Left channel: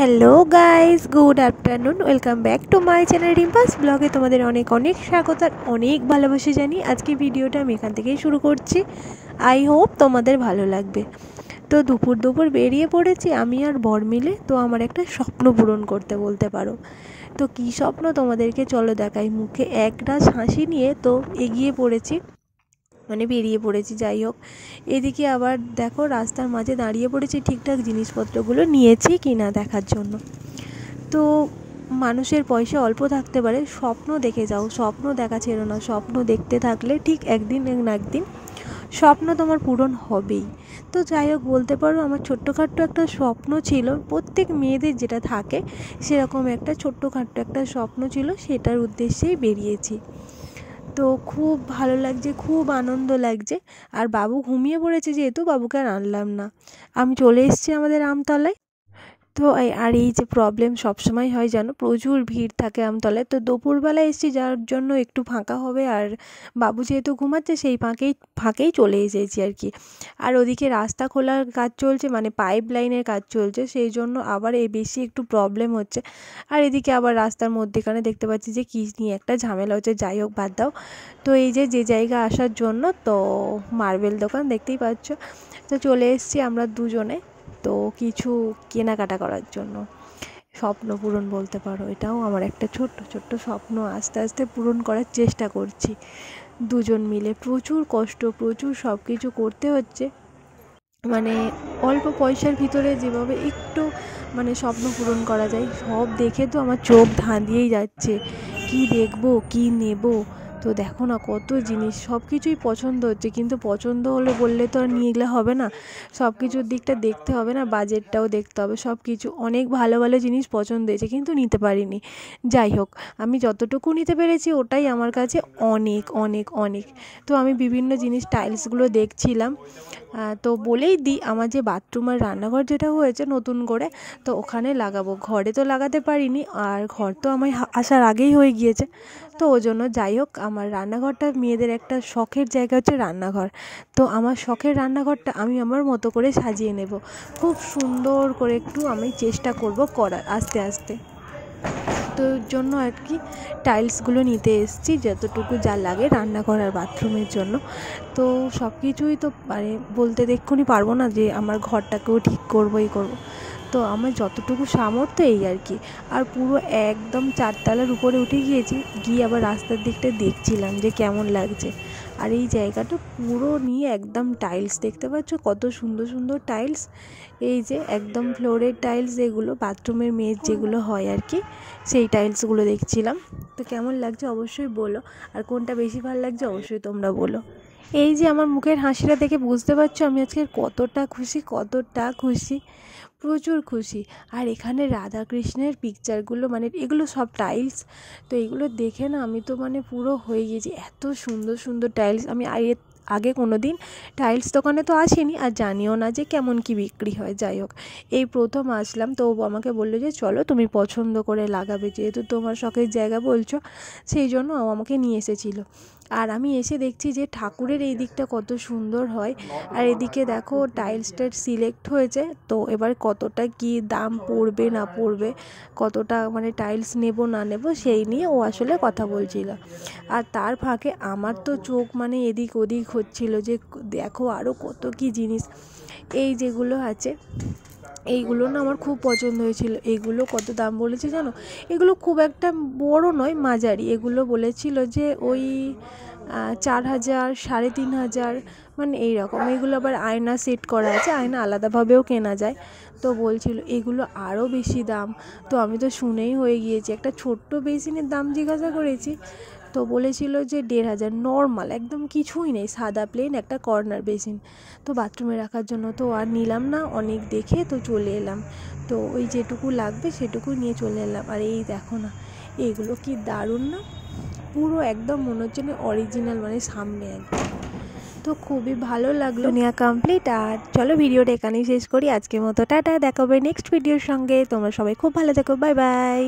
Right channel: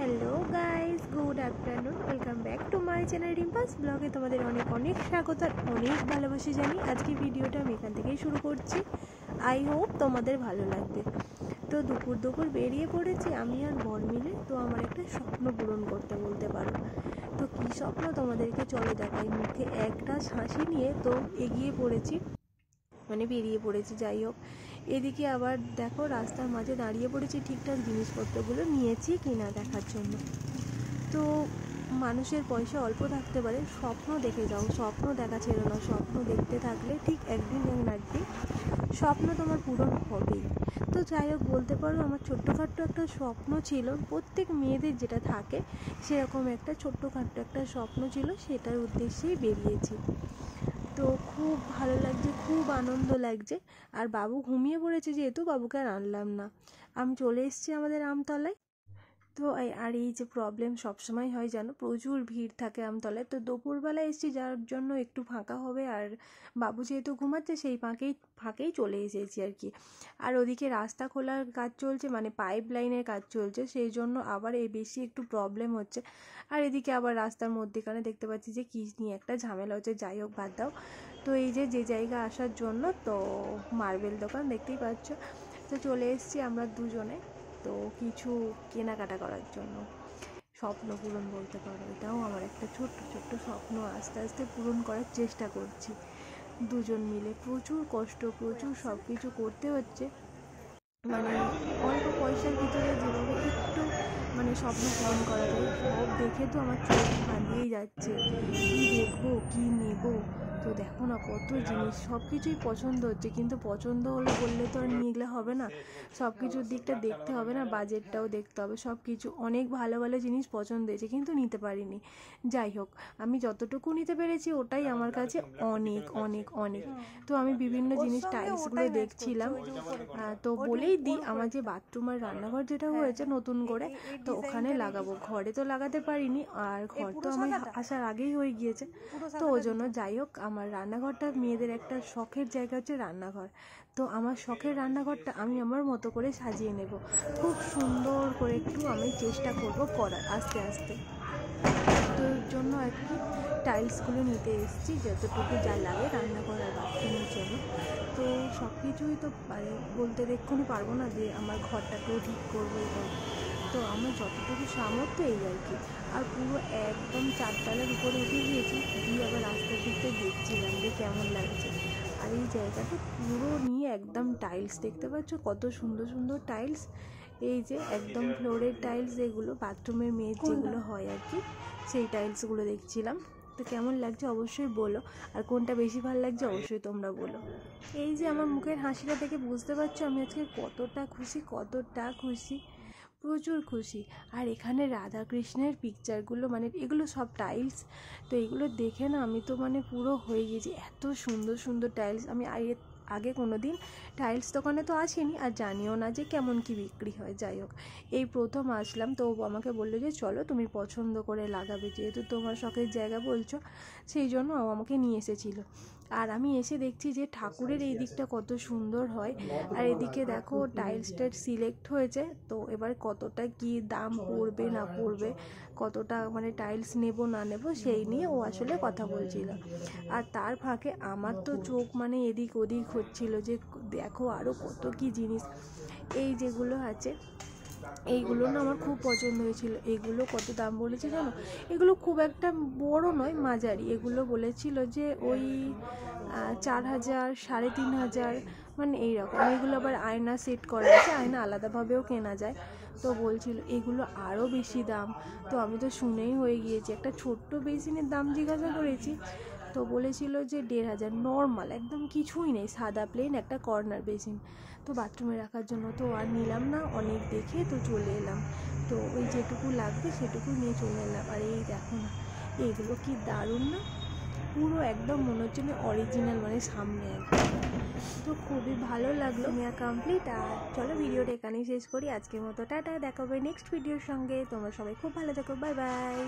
Hello guys, good afternoon. Welcome back to my channel Rimpa's ব্লগে তোমাদের অনেক অনেক স্বাগত আর অনেক ভালোবাসা জানি। আজকে ভিডিওটা আমি এখান থেকেই শুরু করছি। আই হোপ তোমাদের ভালো লাগবে। তো দুপুর বেরিয়ে পড়েছি আমি আর বর মিলে। তো আমার একটা স্বপ্ন পূরণ করতে বলতে পারো। তো কী স্বপ্ন তোমাদেরকে চলো দেখাই। মুখে একটা হাসি নিয়ে তো এগিয়ে পড়েছি, মানে বেরিয়ে পড়েছি। যাই হোক, এদিকে আবার দেখো রাস্তার মাঝে দাঁড়িয়ে পড়েছি ঠিকঠাক জিনিসপত্রগুলো নিয়েছি কি না দেখার জন্য। তো মানুষের পয়সা অল্প থাকতে পারে, স্বপ্ন দেখে যাও, স্বপ্ন দেখা ছেড়ো না। স্বপ্ন দেখতে থাকলে ঠিক একদিন না একদিন স্বপ্ন তোমার পূরণ হবেই। তো যাই হোক, বলতে পারো আমার ছোট্টখাট্টো একটা স্বপ্ন ছিল, প্রত্যেক মেয়েদের যেটা থাকে সেরকম একটা ছোট্টখাট্টো একটা স্বপ্ন ছিল, সেটার উদ্দেশ্যেই বেরিয়েছি। তো খুব ভালো লাগছে, খুব আনন্দ লাগছে। আর বাবু ঘুমিয়ে পড়েছে যেহেতু বাবুকে আর আনলাম না, আমি চলে এসেছি আমাদের আমতলায়। তো আর এই যে প্রবলেম সবসময় হয় জানো, প্রচুর ভিড় থাকে আমতলায়। তো দুপুরবেলায় এসেছি যার জন্য একটু ফাঁকা হবে, আর বাবু যেহেতু ঘুমাচ্ছে সেই ফাঁকেই চলে এসেছি আর কি। আর ওদিকে রাস্তা খোলার কাজ চলছে, মানে পাইপ লাইনের কাজ চলছে, সেই জন্য আবার বেশি একটু প্রবলেম হচ্ছে। আর এদিকে আবার রাস্তার মধ্যেখানে দেখতে পাচ্ছি যে কী নিয়ে একটা ঝামেলা হচ্ছে। যাই হোক, বাদ দাও। তো এই যে জায়গা আসার জন্য তো মার্বেল দোকান দেখতেই পাচ্ছ, তো চলে এসেছি আমরা দুজনে। তো কিছু কেনাকাটা করার জন্য, স্বপ্ন পূরণ বলতে পারো। এটাও আমার একটা ছোট্ট ছোট্ট স্বপ্ন, আস্তে আস্তে পূরণ করার চেষ্টা করছি দুজন মিলে। প্রচুর কষ্ট, প্রচুর সব কিছু করতে হচ্ছে, মানে অল্প পয়সার ভিতরে যেভাবে একটু মানে স্বপ্ন পূরণ করা যায়, সব দেখে তো আমার চোখ ধাঁধিয়েই যাচ্ছে। কি দেখবো, কি নেব। তো দেখো না কত জিনিস, সব কিছুই পছন্দ হচ্ছে, কিন্তু পছন্দ হলো বললে তো আর নিয়ে গেলে হবে না। সব কিছুর দিকটা দেখতে হবে না, বাজেটটাও দেখতে হবে। সব কিছু অনেক ভালো ভালো জিনিস পছন্দ হয়েছে, কিন্তু নিতে পারিনি। যাই হোক, আমি যতটুকু নিতে পেরেছি ওটাই আমার কাছে অনেক অনেক অনেক। তো আমি বিভিন্ন জিনিস টাইলসগুলো দেখছিলাম। তো বলেই দিই, আমার যে বাথরুম আর রান্নাঘর যেটা হয়েছে নতুন করে, তো ওখানে লাগাবো। ঘরে তো লাগাতে পারিনি, আর ঘর তো আমার আসার আগেই হয়ে গিয়েছে। তো ওই জন্য যাই হোক, আমার রান্নাঘরটা মেয়েদের একটা শখের জায়গা হচ্ছে রান্নাঘর। তো আমার শখের রান্নাঘরটা আমি আমার মতো করে সাজিয়ে নেব, খুব সুন্দর করে একটু আমি চেষ্টা করব করার আস্তে আস্তে। তো এর জন্য আর কি টাইলসগুলো নিতে এসেছি, যতটুকু যা লাগে রান্নাঘর আর বাথরুমের জন্য। তো সব কিছুই তো মানে বলতে দেখুনি পারবো না যে আমার ঘরটাকেও ঠিক করবো, এই করবো। তো আমার যতটুকু সামর্থ্য এই আর কি। আর পুরো একদম 4তলার উপরে উঠে গিয়েছি, গিয়ে আবার রাস্তার দিকটা দেখছিলাম যে কেমন লাগছে। আর এই জায়গাটা পুরো নিয়ে একদম টাইলস, দেখতে পাচ্ছ কত সুন্দর সুন্দর টাইলস। এই যে একদম ফ্লোরের টাইলস, এগুলো বাথরুমের মেঝ যেগুলো হয় আর কি, সেই টাইলসগুলো দেখছিলাম। তো কেমন লাগছে অবশ্যই বলো, আর কোনটা বেশি ভালো লাগছে অবশ্যই তোমরা বলো। এই যে আমার মুখের হাসিটা দেখে বুঝতে পারছো আমি আজকে কতটা খুশি, কতটা খুশি, প্রচুর খুশি। আর এখানে রাধাকৃষ্ণের পিকচারগুলো, মানে এগুলো সব টাইলস, তো এগুলো দেখে না আমি তো মানে পুরো হয়ে গিয়েছি। এত সুন্দর সুন্দর টাইলস, আমি আগে কোনো দিন টাইলস দোকানে তো আসিনি, আর জানিও না যে কেমন কি বিক্রি হয়। যাই হোক, এই প্রথম আসলাম। তো আমাকে বললো যে চলো তুমি পছন্দ করে লাগাবে, যেহেতু তোমার শখের জায়গা বলছো, সেই জন্য আমাকে নিয়ে এসেছিলো। আর আমি এসে দেখছি যে ঠাকুরের এই দিকটা কত সুন্দর হয়। আর এদিকে দেখো টাইলসটা সিলেক্ট হয়েছে, তো এবার কতটা কি দাম পড়বে না পড়বে, কতটা মানে টাইলস নেব না নেব সেই নিয়ে ও আসলে কথা বলছিল। আর তার ফাঁকে আমার তো চোখ মানে এদিক ওদিক হচ্ছিল যে দেখো আরও কত কি জিনিস। এই যেগুলো আছে এইগুলো না আমার খুব পছন্দ হয়েছিল। এইগুলো কত দাম বলেছে জানো? এগুলো খুব একটা বড় নয়, মাঝারি। এগুলো বলেছিল যে ওই 4,000 3,500, মানে এইরকম। এগুলো আবার আয়না সেট করা আছে, আয়না আলাদাভাবেও কেনা যায়। তো বলছিল এগুলো আরও বেশি দাম। তো আমি তো শুনেই হয়ে গিয়েছি। একটা ছোট্ট বেসিনের দাম জিজ্ঞাসা করেছি, তো বলেছিল যে 1,500, নর্মাল একদম কিছুই নেই, সাদা প্লেন একটা কর্নার বেসিন, তো বাথরুমে রাখার জন্য। তো আর নিলাম না, অনেক দেখে তো চলে এলাম। তো ওই যেটুকু লাগবে সেটুকু নিয়ে চলে এলাম। আর এই দেখো না, এগুলো কি দারুণ না, পুরো একদম মনে হচ্ছে না অরিজিনাল, মানে সামনে একদম। তো খুবই ভালো লাগলো, নেওয়া কমপ্লিট। আর চলো ভিডিওটা এখানেই শেষ করি আজকের মতো। টাটা, দেখা হবে নেক্সট ভিডিওর সঙ্গে। তোমরা সবাই খুব ভালো থেকো, বাই বাই।